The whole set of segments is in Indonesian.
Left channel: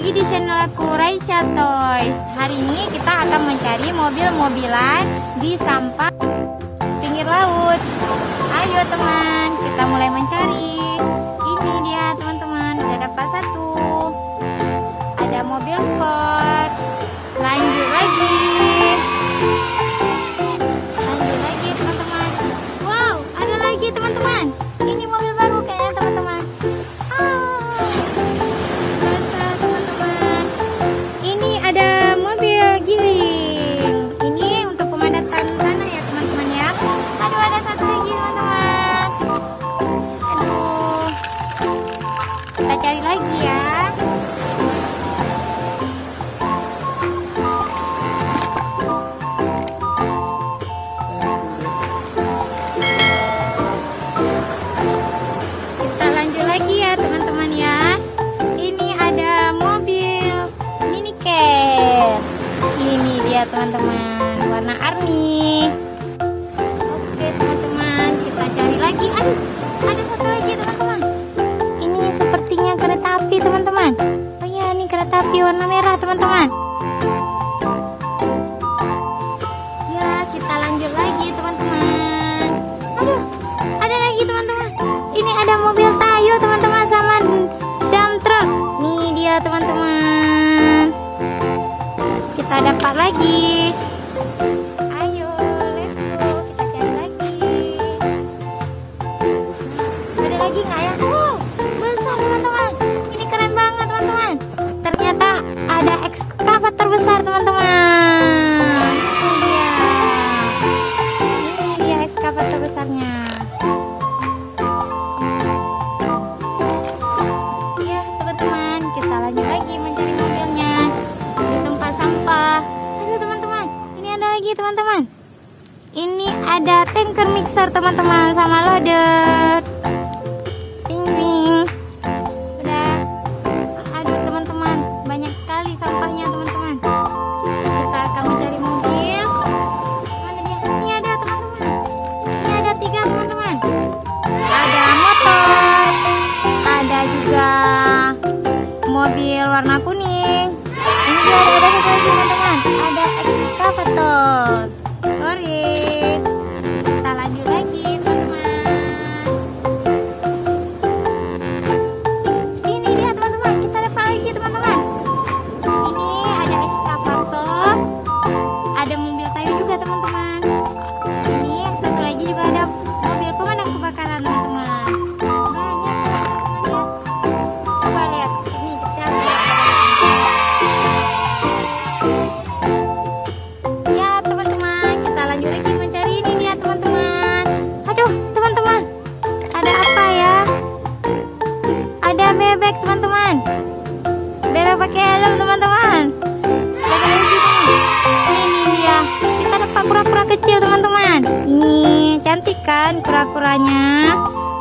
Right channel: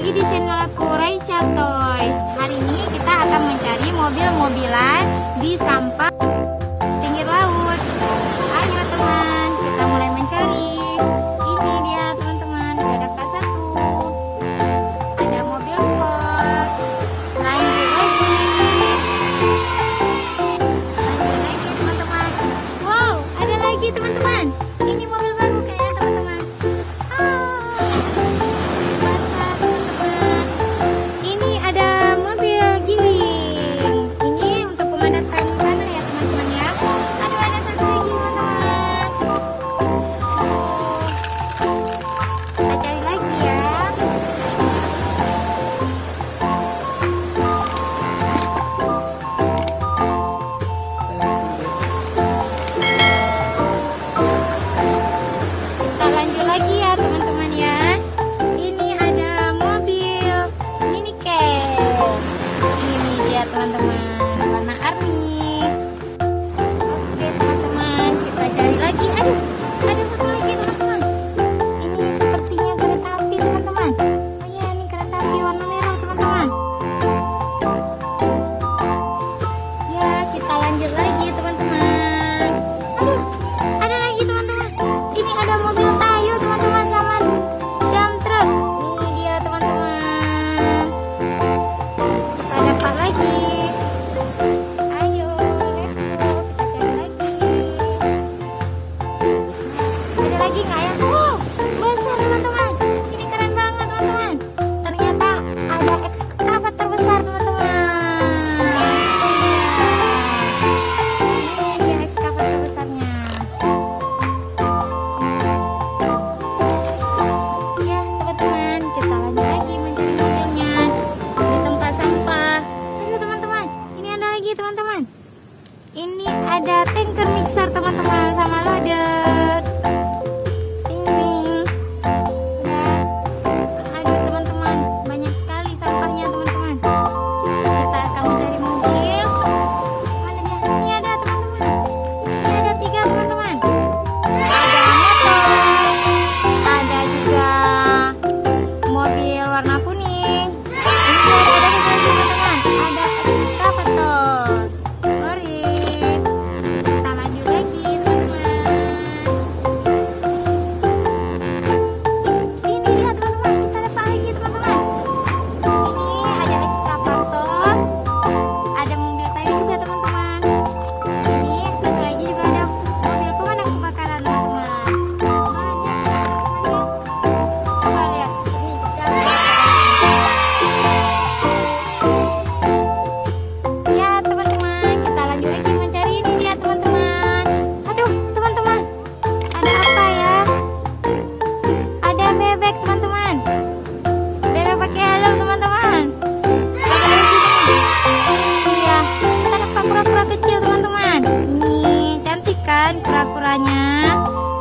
lagi di channel aku, Raisya Toys. Hari ini kita akan mencari mobil-mobilan di sampah pinggir laut. Ayo teman, kita mulai mencari. Ini dia teman-teman, kita dapat satu. Ada mobil sport. Lanjut lagi teman-teman. Wow, ada lagi teman-teman. Ini mobil baru kayaknya teman-teman. Ini ada mobil giling. Ini untuk pemadatan tanah ya teman-teman ya. Aduh, ada satu lagi teman-teman. Kita cari lagi ya. Kita lanjut lagi ya teman-teman ya. Ini ada mobil minicar. Ini dia teman-teman, warna army. Oke teman-teman, kita cari lagi. Aduh, ada satu lagi teman-teman. Ini sepertinya kereta api teman-teman. Oh iya, ini kereta api warna merah teman-teman. Ya, kita lanjut lagi teman-teman. Aduh, ada lagi teman-teman. Ini ada mobil Tayo teman-teman sama dump truck. Nih dia teman-teman. Kita dapat lagi. Ayo, let's go. Kita cari lagi. Ada lagi nggak ya? Wow, besar teman-teman. Ini keren banget teman-teman. Ternyata ada ekskavator besar teman-teman. Ini dia ekskavator besarnya. Ya teman-teman, kita lanjut lagi mencari mobilnya di tempat sampah. Tunggu teman-teman, ini ada lagi teman-teman. Ini ada tanker mixer teman-teman sama loader. Ting ting. Aduh teman-teman, banyak sekali sampahnya teman-teman. Kita akan mencari mobil. Mana dia? Ini ada teman-teman. Ini ada 3 teman-teman. Ada motor, ada juga mobil warna kuning. Ini juga ada satu lagi teman-teman. Ada ekskavator. Mari kita lanjut lagi teman-teman. Ini dia teman-teman, kita dapat lagi teman-teman. Ini ada ekskavator, ada mobil Tayo juga teman-teman. Ini satu lagi juga ada mobil pemadam kebakaran teman-teman. Coba lihat, ini kita ya teman-teman, kita lanjut lagi mencari. Ini dia teman-teman. Aduh teman-teman, ada apa ya? Ada bebek teman-teman. Bebek pakai helm teman-teman. Ada lagi nih. Ini dia. Kita dapat kura-kura kecil teman-teman. Ini cantik kan kura-kuranya,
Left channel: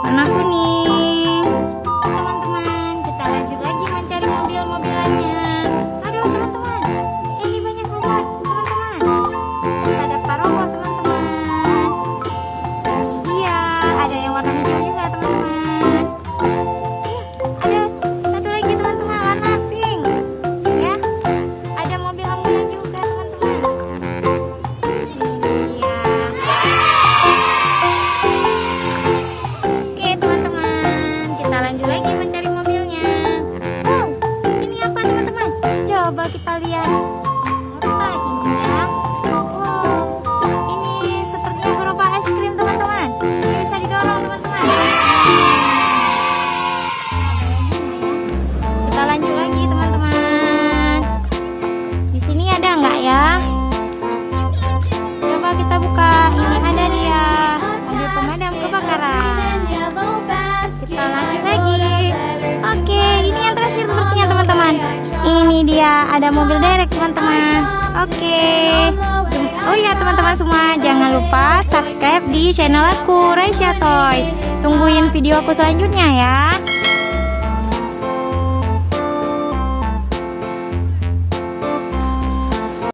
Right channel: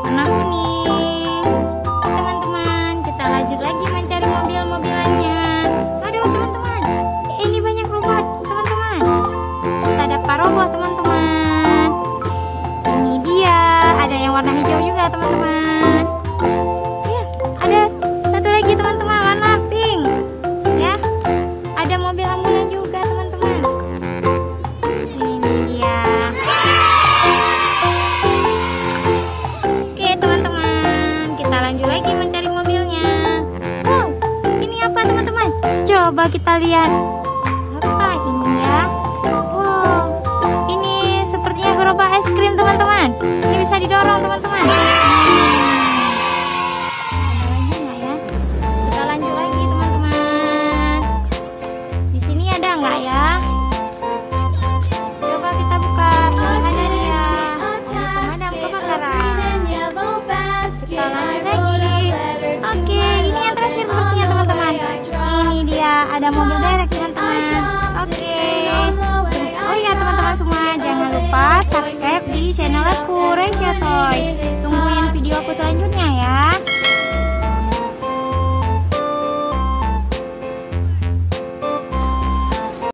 warna kuning. Teman-teman, kita lanjut lagi mencari mobil-mobilannya. Aduh teman-teman, ini banyak banget teman-teman. Kita dapat robot teman-teman. Ini dia, ada yang warna hijau juga teman-teman. Ada satu lagi teman-teman, warna pink. Ya, ada mobil ambulan juga teman-teman. Ini dia. Oke teman-teman, kita lanjut lagi mencari mobilnya. Wow, ini apa teman-teman? Coba kita lihat. Apa ini ya? Wow, ini sepertinya gerobak es krim teman-teman. Ini bisa didorong teman-teman. Kita lanjut lagi teman-teman. Di sini ada nggak ya? Coba kita buka. Ini ada dia. Pemadam kebakaran. Kita lanjut lagi. Oke, ini yang terakhir buktinya teman-teman. Ini dia, ada mobil derek teman-teman. Oke. Oh iya teman-teman semua, jangan lupa subscribe di channel aku, Raisya Toys. Tungguin video aku selanjutnya ya.